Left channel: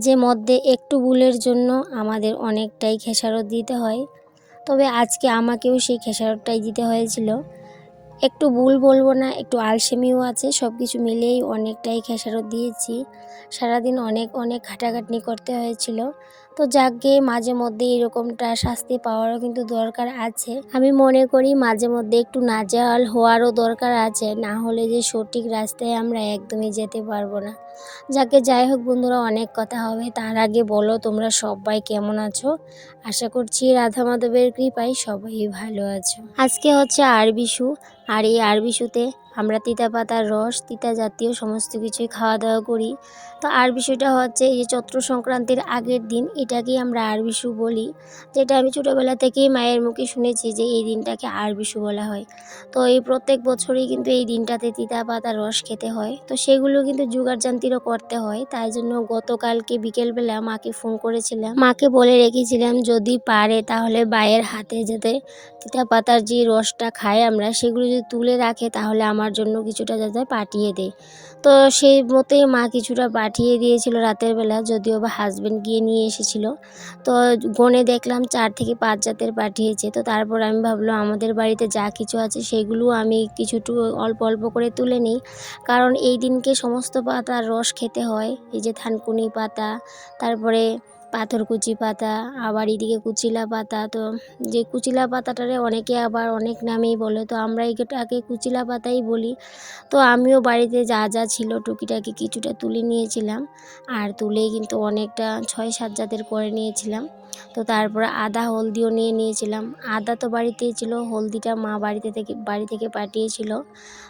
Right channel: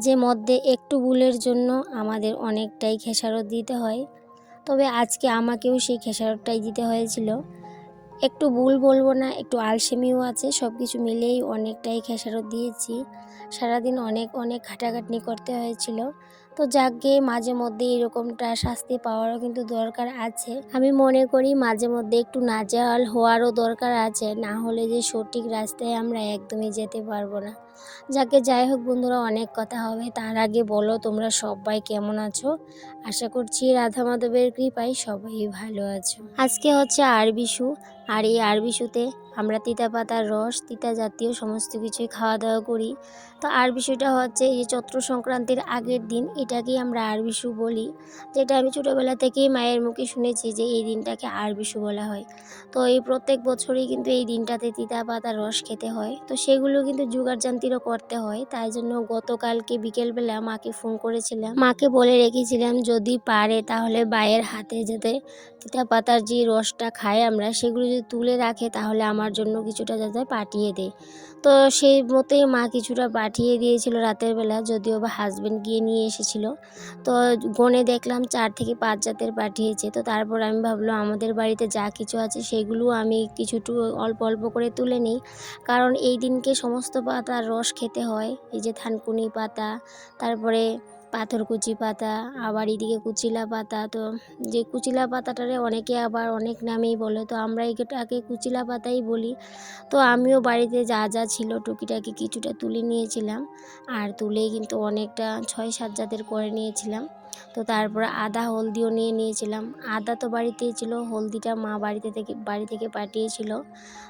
মাঝে মধ্যে একটু ভুলের জন্য আমাদের অনেকটাই খেসারত দিতে হয়। তবে আজকে আমাকেও সেই খেসারতটাই দিতে হয়েছিল। একটু ভুল বলবো না, একটু আলসেমিও আছে, সব কিছু মিলিয়েই অনেকটাই খেসারত দিয়েছি। সারাদিন অনেক অনেক খাটাখাটনি করতে হয়েছিল। তো যাকগে, মাঝে মধ্যে এরকমটা শাস্তি পাওয়ারও কিন্তু দরকার আছে। আমি মনে করি মাঝে মধ্যে একটু নাজেহাল হওয়ারও দরকার আছে, না হলে যে সঠিক রাস্তায় আমরা একদমই যেতে পারবো না। যাই হোক বন্ধুরা, অনেক কথা হবে, তার আগে বলো তোমরা সবাই কেমন আছো? আশা করছি রাধা মাধবের কৃপায় সবাই ভালো আছো। আজকে হচ্ছে আরবিশু, আর এই আরবিশুতে আমরা তিতা পাতার রস, তিতা জাতীয় সমস্ত কিছুই খাওয়া দাওয়া করি। তো আরবিশুটা হচ্ছে এই যে চৈত্র সংক্রান্তির আগের দিন, এটাকেই আমরা আরবিশু বলি। যেটা আমি ছোটোবেলা থেকেই মায়ের মুখে শুনেছি যে এই দিনটাকে আরবিশু বলা হয়। তো এই প্রত্যেক বছরই কিন্তু এই দিনটাতে তিতা পাতার রস খেতে হয়। তো সেগুলো কিন্তু জোগাড়জান্তিরও করতে হয়, তাই জন্য গতকালকে বিকেলবেলা মাকে ফোন করেছিলাম, মাকে বলে রেখেছিলাম যদি পারে তাহলে বাইয়ের হাতে যাতে তিতা পাতার যে রসটা খাই আমরা, সেগুলো যদি তুলে রাখে তাহলে আমার জন্য কিছুটা যাতে পাঠিয়ে দেয়। তো সেই মতোই মা কিছুটা পাঠিয়ে দিয়েছিল রাতের বেলা, যদিও বা হাজব্যান্ড গিয়ে নিয়ে এসেছিল। তো গনে দেখলাম 4 থেকে 5 জাতের পাঠিয়েছে। তো তারপর আমি ভাবলাম আমাদের বাড়িতে যা কিছু আছে সেগুলো আমি কিছুটুকু অল্প অল্প করে তুলে নিই, কারণ এই দিনকে সমস্ত পাতার রস খেতে হয়। এই যে থানকুনি পাতা, তারপরে পাথরকুচি পাতা, আবার এদিকে কুচিলা পাতা। তো যে কুচিলা পাতাটারে অনেকে আবার অনেক নামেই বলে, তো আমরা এটাকে কুচিলা পাতাই বলি। তো আমিও বাড়িতে যা যা ছিল টুকিটাকি কিছুটা তুলে নিয়েছিলাম, আর তুলেই কিন্তু অনেকটা 6-7 জাতের করে নিয়েছিলাম। তো তারপরে আদা হলদিও নিয়ে নিয়েছিলাম। আদা তো বাড়িতেই ছিল, হলদিটা মা বাড়ি থেকে পাঠিয়েছিল।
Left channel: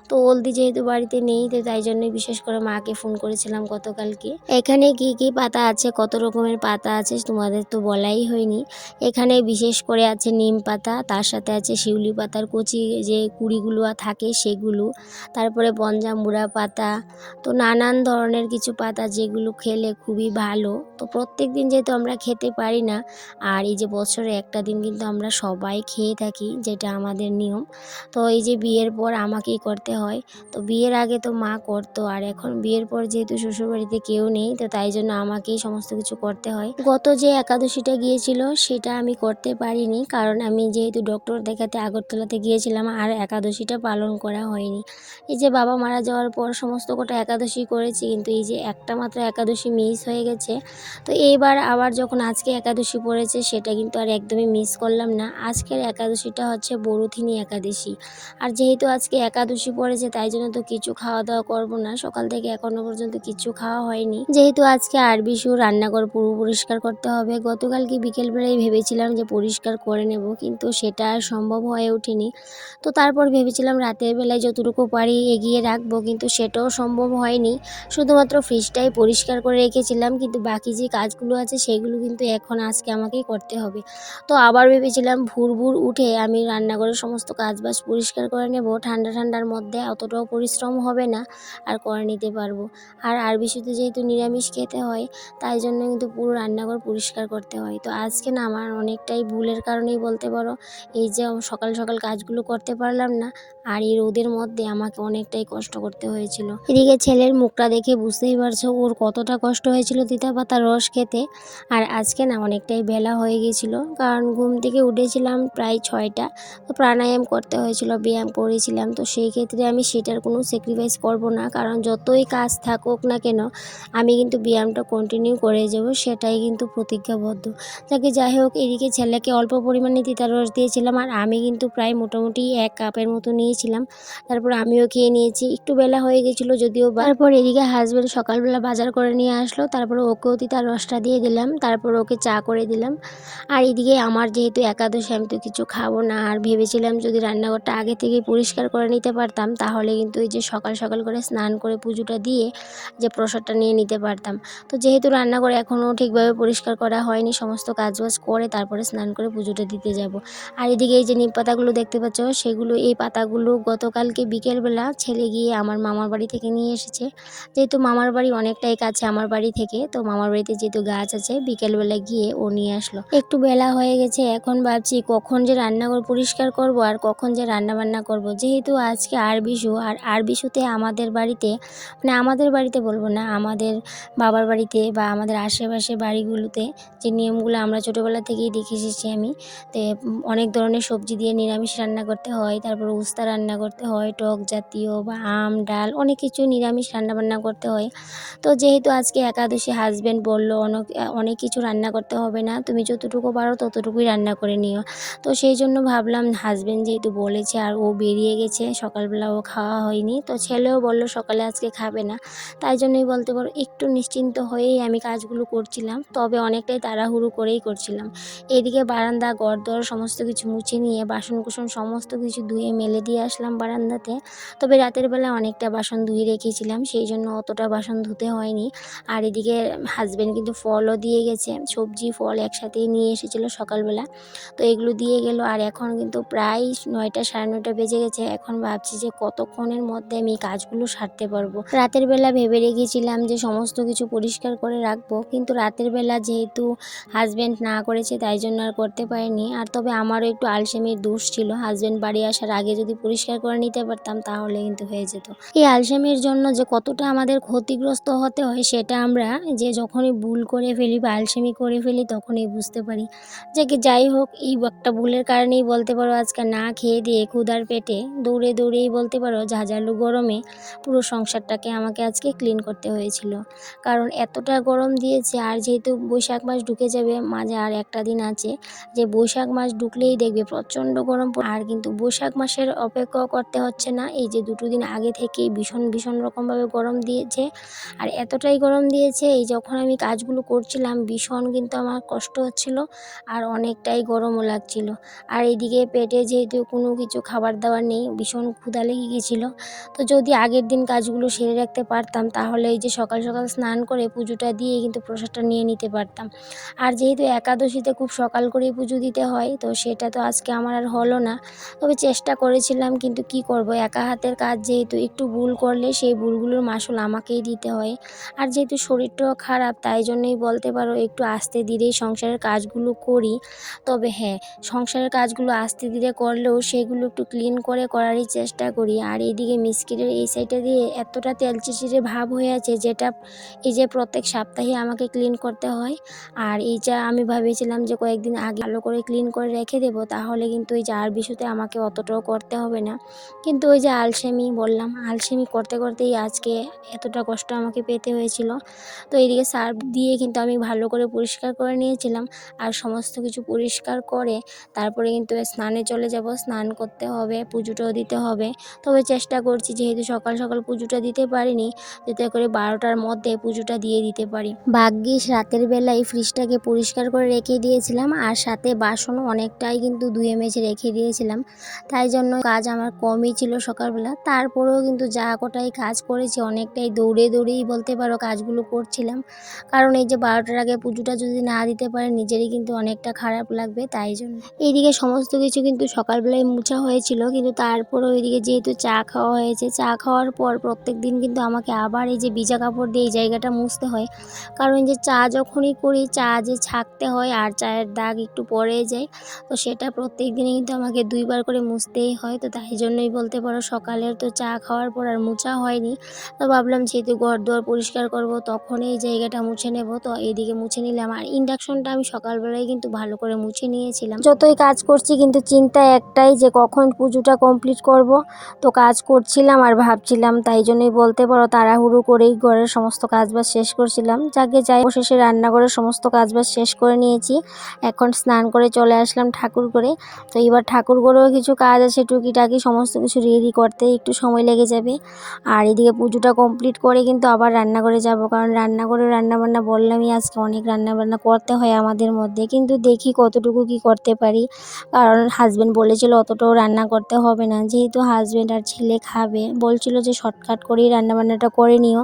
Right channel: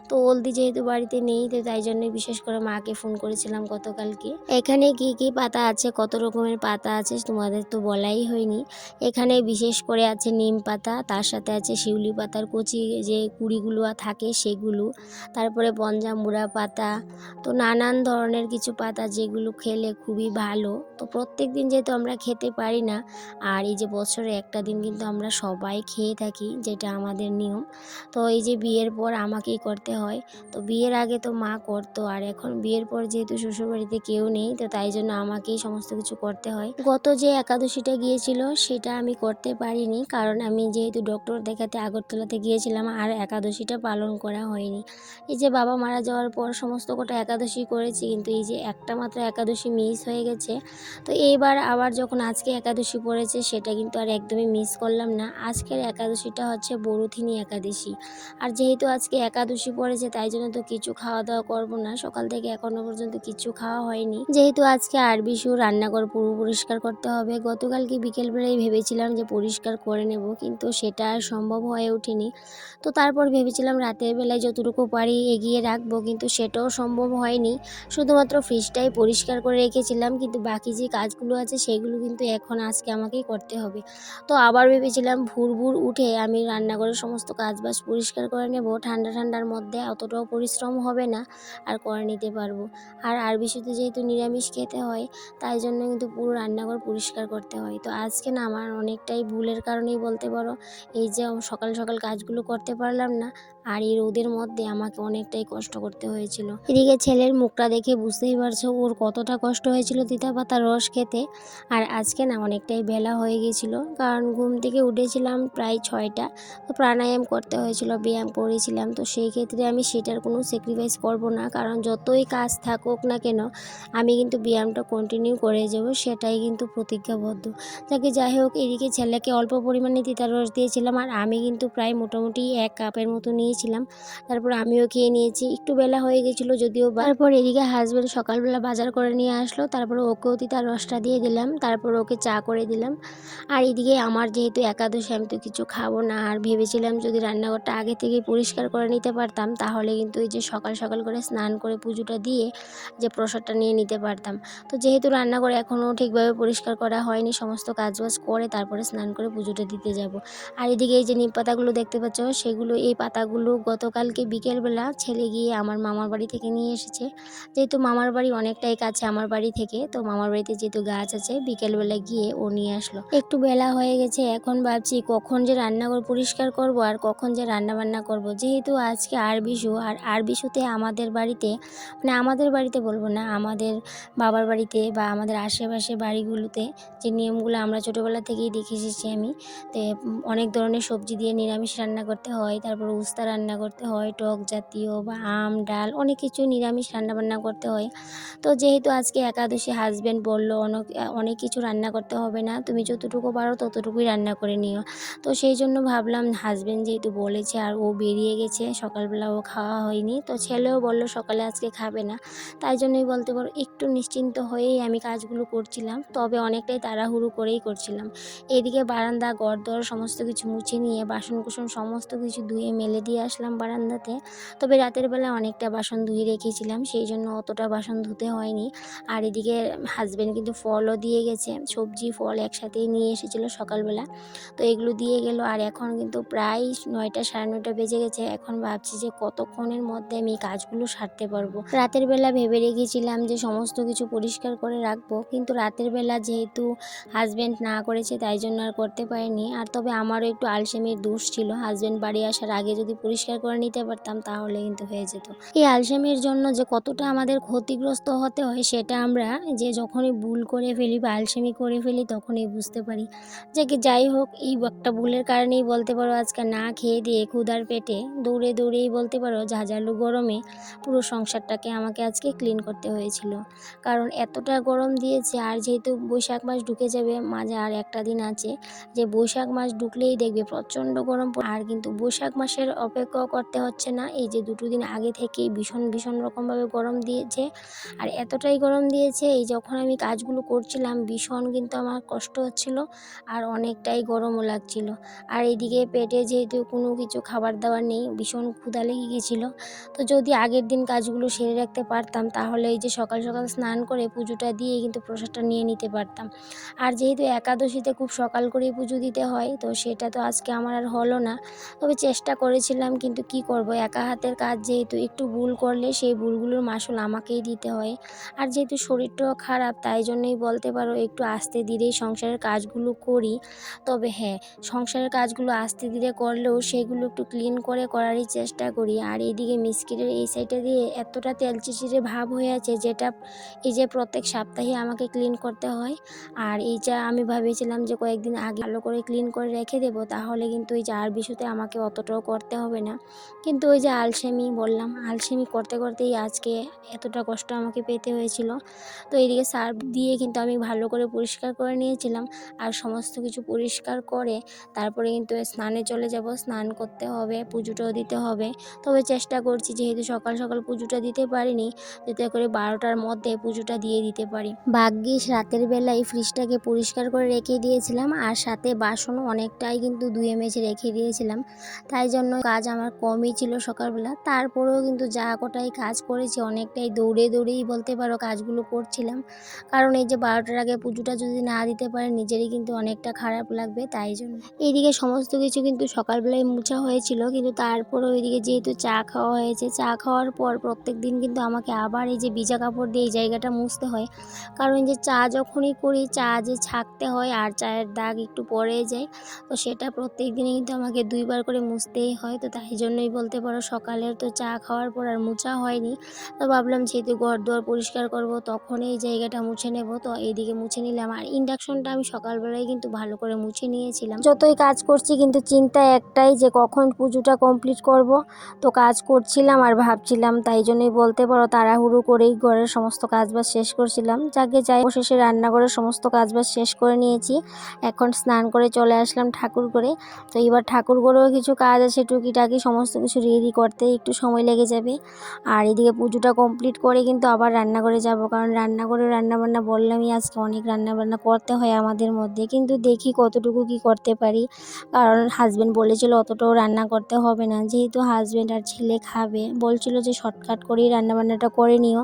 তো হলদি যেহেতু বাড়িতে নেই, তো তাই জন্য বিশেষ করে মাকে ফোন করেছিলাম গতকালকে। এখানে কি কি পাতা আছে, কত রকমের পাতা আছে তোমাদের তো বলাই হয়নি। এখানে বিশেষ করে আছে নিম পাতা, তার সাথে আছে শিউলি পাতার কচি যে কুড়িগুলো থাকে সেগুলো, তারপরে পঞ্জামুড়া পাতা। তো নানান ধরনের কিছু পাতা যেগুলো খেলে খুবই ভালো। তো প্রত্যেক দিন যেহেতু আমরা খেতে পারি না, আর এই যে বছরে একটা দিন কিন্তু আমরা সবাই খেয়ে থাকি, যেটা আমাদের নিয়ম। তো এই যে বিয়ের পর আমাকেই করতে হয়। তো বিয়ের আগে তো মা করতো, আর এখন বিয়ের পর যেহেতু শ্বশুরবাড়িতে কেউ নেই, তো তাই জন্য আমাকেই সমস্ত কিছু করতে হয়। গত যে একাদশীটা গিয়েছিল সেটা আমি করতে পারিনি, কারণ আমি যেহেতু ডক্টর দেখাতে আগরতলাতে গিয়েছিলাম, আর একাদশীটা পালন করা হয়নি। এই যে বাবা মারা যাওয়ার পর সমস্ত কটা একাদশী করেছি, কিন্তু এই যে একটা মাত্র একাদশী মিস হয়ে গেছে। তো এইবার আবার যখন আজকে একাদশী পড়েছে সেটা কিন্তু আর একদমই মিস করলাম না। আজকের একাদশীটা হচ্ছে বরুথিনী একাদশী, আর যেহেতু আজকে একাদশী পড়েছে তাই জন্য তো কিছু খাওয়া দাওয়া করবো না, সকাল থেকে এখনো পর্যন্ত কিছু খাওয়া হয়নি। যেহেতু আজকে আরবিশু, রান্নাঘর পুরো পরিষ্কার করতে হবে। গতকালকে বিকেলবেলায় ভেবেছিলাম যে পরিষ্কার করে নেব, কিন্তু সেটা আর সম্ভব হয়ে ওঠেনি। তো তারপর ভেবেছিলাম রাতের বেলায় যতটুকু পারি এগিয়ে রাখবো, কিন্তু সেটাও সম্ভব হয়নি। শুধুমাত্র ফ্রিজটাই পরিষ্কার করে রেখেছিলাম, কিন্তু বাকি যে কাজগুলো আছে সেগুলো কিন্তু এখন আজকে আমাকেই করতে হবে। তো আবার ভেবেছিলাম ভোর ভোর উঠে আমি রান্নাঘরের সমস্ত কাজবাজ পরিষ্কার করে নেব, ঠান্ডা ঠান্ডার মধ্যে অতটাও পরিশ্রম হবে না, আর করে নিতে পারবো। আর আরবিশুতে যেহেতু নিরামিষ খেতে হয়, তাই জন্য কিন্তু পুরো রান্নাঘর পরিষ্কার করতে হয়। তো আজকে না আমার অনেকটাই ভুলের কারণেই বলতে পারো, এই যে সকাল সকাল কাজগুলো করতে পারলাম না, আর এই রোদের মধ্যে আমাকে অনেকটাই কষ্ট করতে হয়েছিল। এদিকে ছেলের মুখটা দেখে বুঝতেই পারছো ওর কতটা কষ্ট হয়েছিল তিতা পাতার রস খেতে। আর আজকে না অনেকটাই বেলা হয়ে গিয়েছিল, কারণ ঘুম থেকে উঠেছিলাম প্রায় 6টা। তো প্রাণায়াম করতে হয়েছিল, ব্যায়াম করেছিলাম। তো সেই ক্ষেত্রে আমি সেটার কোনো স্যাক্রিফাইস করব না, কারণ যতই কাজ থাকুক না কেন আমি কিন্তু ব্যায়ামটা কন্টিনিউ করে যাব, সেটাই কিন্তু প্রতিজ্ঞাবদ্ধ। যাই হোক, এদিকে ছেলেকে অল্প পরিমাণে তিতার রস দিয়েছিলাম, আর আমি কিন্তু প্রায় মোটামুটি 1 কাপের মতো নিয়েছিলাম। তারপর আমিও খেয়ে নিয়েছি, একটু বেলা হয়ে গেছিলো যদিও বা। তারপর এদিকে হাজব্যান্ড সকালবেলা বাজার করে নিয়ে আসলো, তারপর ওকেও তিতার রসটা দিয়ে দিলাম, তারপর ওকে চা করে দিলাম। আর এদিকে আমার যেহেতু একাদশী, আমি তো কিছু খাবো না, আর ভেবেছিলাম যদি রান্নাঘরটা আগে থেকেই পরিষ্কার করে নিতে পারতাম তাহলে কিন্তু এই যে সকাল সকাল করে স্নান করে পুজোটা দিয়ে যে প্রসাদটা নিয়ে নিতে পারতাম। তো যেহেতু রান্নাঘর এখনও ঠিকভাবে পরিষ্কার করা হয়নি, সমস্ত কাজবাজ করে তারপরে স্নান করে পুজোটা দিতে যাব। আর এদিকে এই যে নিম পাতাগুলো দেখতে পাচ্ছ, সেগুলো এই পাতাগুলো গতকালকে বিকেলবেলা ছেলে গিয়ে আমার মামার বাড়ি থেকে নিয়ে এসেছে। যেহেতু মামার বাড়ি অনেকটাই কাছে আমার বাড়ি থেকে, তো মামার বাড়ি বাড়িতে যেহেতু গাছ আছে, বিকেলবেলা গিয়ে ও নিয়ে আসলো। একটু বেলা হয়ে গেছে, এখন ভাবছি কখন যে রান্নাঘর পরিষ্কার করব আর কখন যে রান্নাবান্না করব। যেহেতু আজকে আরবিশু, আর আরবিশুতে আমাদের বাড়িতে, মানে আমাদের বাড়িতে বলবো না, আমাদের বাবার বাড়িতে বা আমাদের আশেপাশে বাড়িগুলোতে যে নিয়মগুলো আমরা ছোটোবেলা থেকেই দেখে এসেছি আমি, তো অনেক ধরনের সবজি দিয়ে নিরামিষ রান্না করতে হয়, তারপর উস্তা রান্না করতে হয়, টক জাতীয় বা আম ডাল অনেক কিছু নিরামিষ রান্নাবান্না করতে হয়। তো যেহেতু আজকে একাদশী, হাজব্যান্ড বললো অনেক কিছু রান্না করতে হবে না, তুমি যতটুকু পারো ততটুকুই রান্না করে নিও। তো সেই জন্য ভাবলাম, হাজব্যান্ড যেহেতু বলেছে আর ও বেরিয়ে গেছে, সকালবেলা ও খাওয়া হয়নি, তো ছেলেও বললো সকালে আজকে খাবে না, তাই জন্যই বলতে পারো একটু নিশ্চিন্ত হয়েই আমি কাজগুলো করছিলাম, তবে অনেকটাই তাড়াহুড়ো করেই করছিলাম। এদিকে বারান্দা ঘরদোর সমস্ত কিছু মুছে নিয়ে বাসন কুসন সমস্ত কিছু ধুয়ে মেলে দিয়ে আসলাম বারান্দাতে। তবে রাতের বেলা অনেকটা বাসন ধুয়ে রেখেছিলাম, সেই জন্য অতটা বাসন ধুতে হয়নি। আর এদিকে হাজব্যান্ড কিন্তু ফলও দিয়ে গেছে, সবজি ফল একসাথেই নিয়ে এসেছিলো সকালবেলা, তো এগুলো দিয়ে গেল। আর এখন কিন্তু প্রায় 9টা, সাড়ে 9টা বেজে গেছে। এখন ভাবছি যে কতক্ষণের মধ্যে আমি এই কাজগুলো সারতে পারবো। রাতের বেলা ভেবে রেখেছিলাম যে সমস্ত কিছু পরিষ্কার করে রাখবো, কিন্তু রাতের বেলা যেহেতু হাজব্যান্ড না করেছে তাই জন্য আর করতে পারিনি। আর তবে আমারও একটু আলসেমির দোষ ছিল, হাজব্যান্ড বাড়ি আসার আগে যদি পরিষ্কার করে নিতে পারতাম তাহলে কিন্তু হয়ে যেত। এই আলসেমির জন্য যে কতটা আমাদের ক্ষতিগ্রস্ত হতে হয় সেটা আমরা যে যখনই ভুল করে ফেলি বা আলসেমি করে ফেলি তখনই বুঝতে পারি। যে কি যাই হোক, এই একটা ভুলের কারণেই বলতে পারো আজকে না খেয়ে দিয়ে ক্ষুধার পেটে দৌড়ে দৌড়েই বলতে পারো ঝাঁঝালো গরমে পুরো সংসারটাকে আমাকে আজকে ক্লিন করতে হয়েছিল। কারণ এতটা গরম দিয়েছে, আর যেহেতু বৈশাখ মাস ঢুকে যাবে, মাঝে আর একটা দিন আছে, যে বৈশাখ মাস ঢুকলেই দেখবে প্রচণ্ড গরম আর কিন্তু বৈশাখ মাসের অপেক্ষা করতে হচ্ছে না, এই যে 2 দিন আগে থেকেই ভীষণ ভীষণ রকমভাবে গরম দিয়েছে। আর এতটাই গরম দিয়েছে, এই যখন আমি কাজগুলো করছিলাম ভীষণ কিন্তু আমার কষ্ট হচ্ছিল আর অনেকটাই গরমও লাগছিল। আর এইদিকে পেটে যেহেতু কোনো কিছু খাবার দাবার নেই, ভীষণ ক্ষুধা লেগে গেছিলো। তো যদি আগের দিন কাজগুলো সেরে রাখতে পারতাম তাহলে এই যে সকাল সকাল স্নান করে পুজোটা দিয়ে কিন্তু প্রসাদটা নিয়ে নিতে পারতাম। আর যেহেতু একাদশীতে খুব সকাল করেই পুজো দিতে হয়, তো সেটা তো আজকে আমার আর হলো না। তবে চেষ্টা করেছিলাম, কিন্তু কি করব, একা হাতের কাজ যেহেতু একটু ভুল করলে সেই ভুলগুলোর মাসুল আমাকেই দিতে হয়। আর যেহেতু শরীরটাও খারাপ তাই জন্যই বলতে পারো একটু আস্তে ধীরেই সংসারের কাজগুলো করি। তবে হ্যাঁ, সংসারের কাজগুলো আস্তে ধীরে করলেও সেগুলো একটু ক্লিন করে করারই চেষ্টা করি। আর এইদিকে মিস্কিটের এই সাইডটা দিয়ে এতটা তেল চিটচিটে ভাব হয়ে আছে, যেটা এই যে প্রত্যেক সপ্তাহে আমাকে ক্লিন করতে হয়। আর এইটা আমি ভেবেছিলাম যে কয়েকদিন আগে ভালো করে ক্লিন করে রেখে দেবো, তাহলে কিন্তু এই যে আর বিষয়তে আমাকে অতটাও করতে হবে না। কিন্তু ওই যে আলসেমি বললাম, আলসেমি করতে করতেই আজকে এতটা কষ্ট আমাকে পেতে হয়েছিল। তো এইদিকে সার্ফ দিয়ে কিন্তু আমি ভালো করে পরিষ্কার করে নিয়েছিলাম। আর সমস্ত কিছু পরিষ্কার করে তারপরে কিন্তু স্নানে চলে যাব, স্নান করতে হবে, পুজোটাও দিতে হবে। তবে চেষ্টা করছি যেহেতু সকাল সকাল পুজোটা দিতে পারিনি, যাতে করে 12টার মধ্যে পুজোটা দিয়ে দিতে পারি। ভাগ্যিস রাতের বেলায় ফ্রিজটাকে পরিষ্কার করে রেখে দিয়েছিলাম, আর সাথে বাসনও অনেকটাই কিন্তু ধুয়ে মেজে রেখে দিয়েছিলাম, তাই জন্য কাজ আমার কমই ছিল সকালবেলা। তারপরেও কিন্তু যা কটাই কাজ করেছি অনেকটাই দৌড়ে দৌড়েই বলতে পারো কাজগুলো করছিলাম। কারণ এই যে 12টার আগে পুজোটা যদি না দিতে পারে নিজেরই কিন্তু অনেকটা খারাপ লাগবে, তাই জন্য এইদিকে সমস্ত কিছু কিন্তু সকালবেলায় মুছা হয়েছিল। কিন্তু তারপরেও এইদিকে যেহেতু চা খাওয়া হয়েছে, চা খাওয়ার পর প্রত্যেক দিন কিন্তু আমাকে আবার এই যে ভিজা কাপড় দিয়ে এই জায়গাটা মুছতে হয়। কারণ যে চা যখনই করি চা যে ছাঁকতে হয় আর চায়ের দাগ একটু পড়ে যায়, তো সেটা প্রত্যেক দিনই কিন্তু আমাকে 2বার করে মুছতেই হয়। তো তাই জন্যই বলতে পারো সকালের তো চা খাওয়ার পর আর মুছা হয়নি। তো ভাবলাম যেহেতু ঘর দুয়ার পরিষ্কার করব তখনই এই জায়গাটা মুছে নেব, তো এইদিকে মুছে নিলাম। আর ইন্ডাকশনটা আমি সকালবেলায় কিন্তু ভালো করে মুছে নিয়েছিলাম। যতই কাজ করছি কিন্তু চিন্তা একটাই যে কখন পুজোটা কমপ্লিট করব। তো কাজ করছিলাম আর ভাবছিলাম, তাই জন্যই বলতে পারো তাড়াহুড়ো করেই ঘরের সমস্ত কাজবাজ শেষ করছিলাম। যাকে যাই অবশেষে রান্নাঘরের সমস্ত কাজবাজ শেষ করে নিয়েছি। এখন স্নান করে চলে আসলাম ঠাকুর ঘরে। তো এবার ঠাকুর ঘরেও কিছু কাজ আছে, টুকিটাকি সমস্ত কিছু রেডি করতে একটু সময় লেগে যাবে। আর এদিকে পুজোটা কমপ্লিট করে কিন্তু আবার রান্নাঘরে যাব, কারণ রান্নাঘরে রান্নাবান্না বললামই আজকে অনেক রান্নাবান্না করতে হয় আমাদের মধ্যে, কিন্তু দেখি কতটুকু কি করতে পারি। কারণ হাজব্যান্ড বলেছিল অতটাও রান্না করতে হবে না, যেহেতু হাজব্যান্ড আর ছেলে খাবে, বলছিল যে শর্টকাট করেই রান্নাবান্নাটা করে নিও।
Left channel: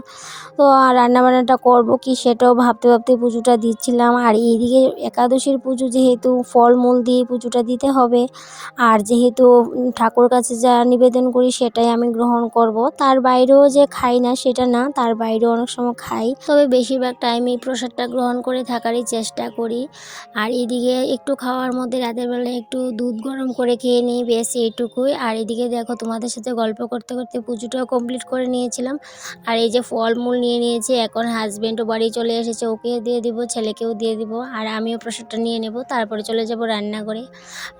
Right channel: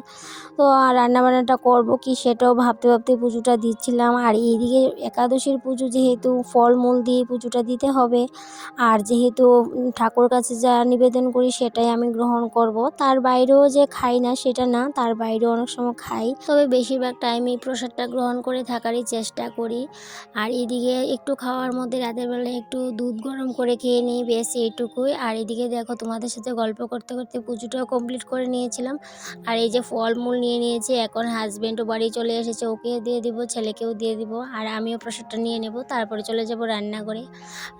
তো আর রান্নাবান্নাটা করব কি সেটাও ভাবতে ভাবতে পুজোটা দিচ্ছিলাম। আর এইদিকে একাদশীর পুজো যেহেতু ফলমূল দিয়ে পুজোটা দিতে হবে, আর যেহেতু ঠাকুর কাছে যা নিবেদন করি সেটাই আমি গ্রহণ করব, তার বাইরেও যে খাই না সেটা না, তার বাইরেও অনেক সময় খাই, তবে বেশিরভাগটা টাইমে এই প্রসাদটা গ্রহণ করে থাকারই চেষ্টা করি। আর এদিকে একটু খাওয়ার মধ্যে রাতের বেলায় একটু দুধ গরম করে খেয়ে নিই, বেশ এইটুকুই। আর এদিকে দেখো তোমাদের সাথে গল্প করতে করতে পুজোটাও কমপ্লিট করে নিয়েছিলাম। আর এই যে ফলমূল নিয়ে নিয়েছি, এখন হাজব্যান্ডও বাড়ি চলে এসেছে, ওকে দিয়ে দিব, ছেলেকেও দিয়ে দিব, আর আমিও প্রসাদটা নিয়ে নেব। তারপরে চলে যাব রান্নাঘরে।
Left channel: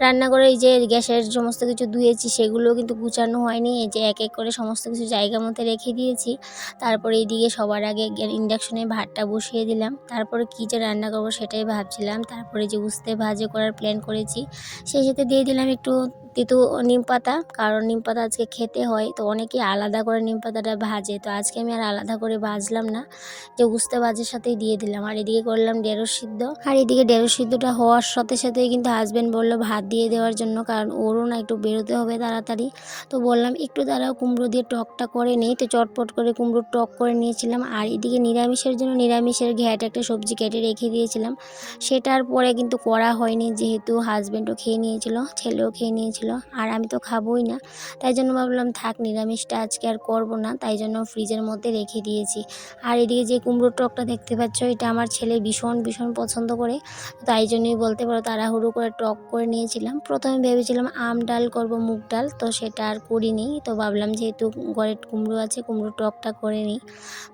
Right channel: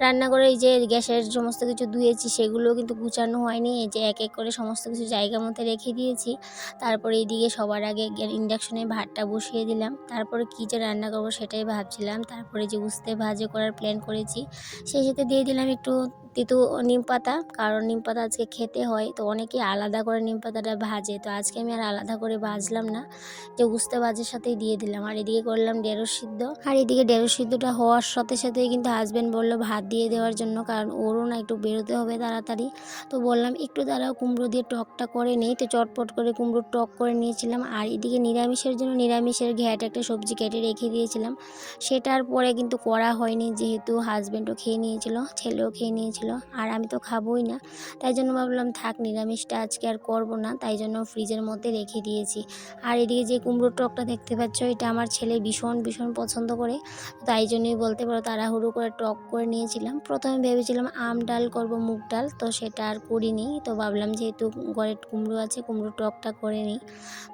রান্নাঘরে এই যে গ্যাসের সমস্ত কিছু ধুয়েছি সেগুলোও কিন্তু গুছানো হয়নি, এই যে এক এক করে সমস্ত কিছু জায়গা মতো রেখে দিয়েছি। তারপরে এইদিকে সবার আগে ইন্ডাকশনে ভাতটা বসিয়ে দিলাম। তারপরে কী যে রান্না করবো সেটাই ভাবছিলাম। তারপরে যে উস্তে ভাজি করার প্ল্যান করেছি, সেই সাথে দিয়ে দিলাম একটু তেঁতু নিম পাতা, কারণ নিম পাতা আজকে খেতে হয়। তো অনেকেই আলাদা করে নিম পাতাটা ভাজে, তো আজকে আমি আর আলাদা করে ভাজলাম না, যে উস্তে ভাজির সাথেই দিয়ে দিলাম। আর এদিকে করলাম ঢেঁড়স সিদ্ধ। আর এদিকে ঢেঁড়স সিদ্ধটা হওয়ার সাথে সাথেই কিন্তু হাজব্যান্ড বললো ভাত দিয়ে দেওয়ার জন্য, কারণ ওরও না একটু বেরোতে হবে তাড়াতাড়ি। তো বললাম একটু দাঁড়াও, কুমড়ো দিয়ে টকটা করে নিই। তো চটপট করে কুমড়োর টক করে নিয়েছিলাম। আর এদিকে নিরামিষের জন্য নিরামিষের ঘ্যাট একটা সবজি কেটে রেখে দিয়েছিলাম, সেটার পরে কিন্তু করা হয়নি, যেহেতু হাজব্যান্ডও খেয়ে নিয়েছিল, ছেলেও খেয়ে নিয়েছিল, আর আমি তো খাবোই না। তাই জন্য ভাবলাম থাক, নিরামিষটা আজকে আর করবো না, তাই জন্য ফ্রিজের মধ্যে রেখে দিয়েছি। আর এদিকে যে কুমড়োর টকটা দেখতে পাচ্ছ, এটা আমার ছেলে ভীষণ ভীষণ পছন্দ করে, তাই জন্যই বলতে পারো তাড়াহুড়ো করে টক করে নিয়েছিলাম। প্রথমে ভেবেছিলাম আম ডাল করব, মুগ ডাল, তো সেটা আর করিনি। তো ভাবলাম যেহেতু ঘরে কুমড়ো আছে, কুমড়ো টকটা করে নিই।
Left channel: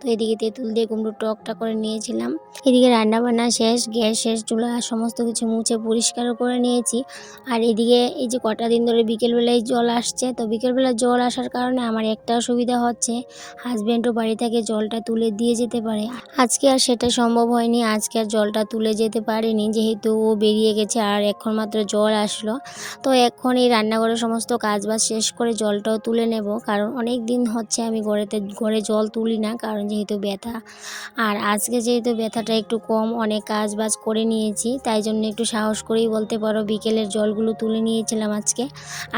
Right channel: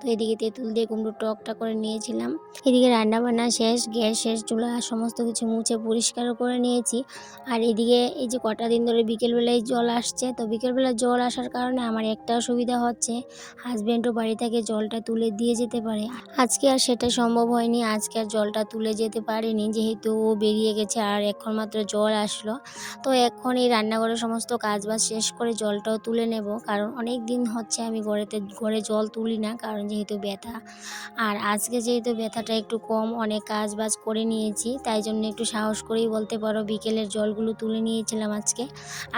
তো এদিকে তেঁতুল দিয়ে কুমড়ো টকটা করে নিয়েছিলাম। এদিকে রান্নাবান্না শেষ, গ্যাস শেষ, চুলা সমস্ত কিছু মুছে পরিষ্কারও করে নিয়েছি। আর এদিকে এই যে কটা দিন ধরে বিকেলবেলায় জল আসছে, তো বিকেলবেলা জল আসার কারণে আমার একটা সুবিধা হচ্ছে, হাজব্যান্ডও বাড়ি থেকে জলটা তুলে দিয়ে যেতে পারে। আজকে আর সেটা সম্ভব হয়নি, আজকে আর জলটা তুলে যেতে পারিনি, যেহেতু ও বেরিয়ে গেছে আর এখন মাত্র জল আসলো। তো এখন এই রান্নাঘরের সমস্ত কাজবাজ শেষ করে জলটাও তুলে নেব, কারণ অনেক দিন হচ্ছে আমি ঘরে জল তুলি না, কারণ যেহেতু ব্যথা। আর আজকে যেহেতু ব্যথাটা একটু কম, অনেক কাজ বাজ করে নিয়েছি, তাই জন্য একটু সাহস করেই বলতে পারো বিকেলের জলগুলো তুলে নিয়েছিলাম আজকে।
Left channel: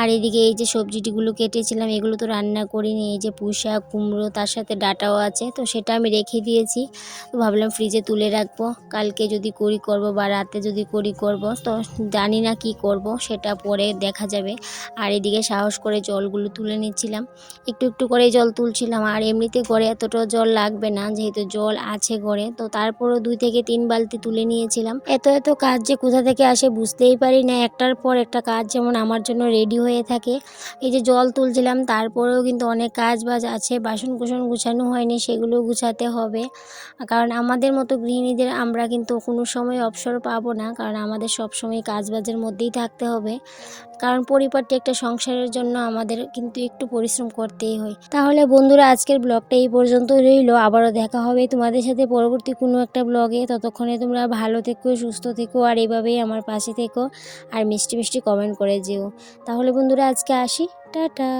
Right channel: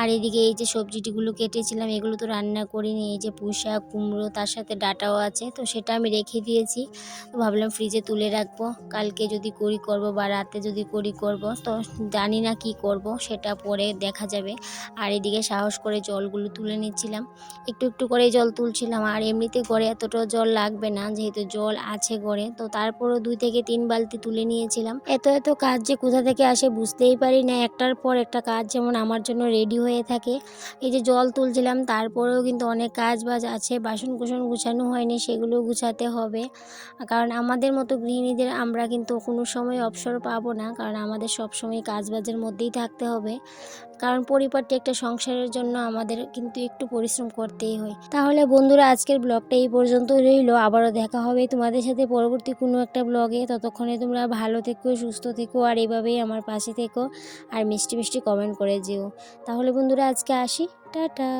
আর এদিকে এই যে সবজিটিগুলো কেটেছিলাম, এগুলো তো রান্না করিনি, এই যে পুঁইশাক, কুমড়ো, তার সাথে ডাঁটাও আছে, তো সেটা আমি রেখে দিয়েছি। তো ভাবলাম ফ্রিজে তুলে রাখবো, কালকে যদি করি করব, বা রাতে যদি করি করব, তো জানি না কি করব, সেটা পরে দেখা যাবে। আর এদিকে সাহস করে জলগুলো তুলে নিচ্ছিলাম, একটু একটু করে জল তুলছিলাম। আর এমনিতে ঘরে এতটা জল লাগবে না, যেহেতু জল আছে ঘরে, তো তারপরও 2 থেকে 3 বালতি তুলে নিয়েছিলাম। এত এত কাজ যে কোথা থেকে আসে বুঝতেই পারি না, একটার পর একটা কাজ যেমন আমার জন্য রেডি হয়ে থাকে। এই যে জল তুলছিলাম, তারপরেও কিন্তু অনেক কাজ বাজ আছে, বাসন কুসন গুছানো হয়নি, সেগুলো গুছাতে হবে। কারণ আমাদের মতো গৃহিণীদের আমরা কিন্তু কোনো সময় অবসর পাবো না, কারণ আমাদের সব সময় কাজ বাজের মধ্যেই থাকতে হবে, কারণ পরিপাটি একটা সংসারের জন্য আমাদের কিন্তু একটু পরিশ্রম করতেই হয়। তাহলে বন্ধুরা, আজকের ব্লগটা এই পর্যন্ত রইল, আবারও দেখা হবে তোমাদের সাথে পরবর্তী কোনো একটা ব্লগে। ততক্ষণে তোমরা ভালো থেকো, সুস্থ থেকো, আর এভাবেই আমার পাশে থেকো, আর মিষ্টি মিষ্টি কমেন্ট করে যেও। তাহলে বন্ধুরা, আজকে আসি, টাটা।